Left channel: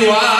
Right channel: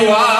Iowa.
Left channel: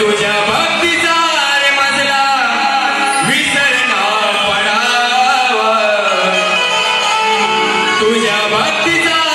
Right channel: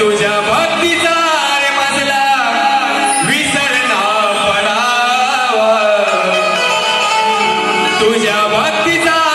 तुझ्या भक्तीचा रे मजला विसरणा पडावा. तुझ्या भक्तीचा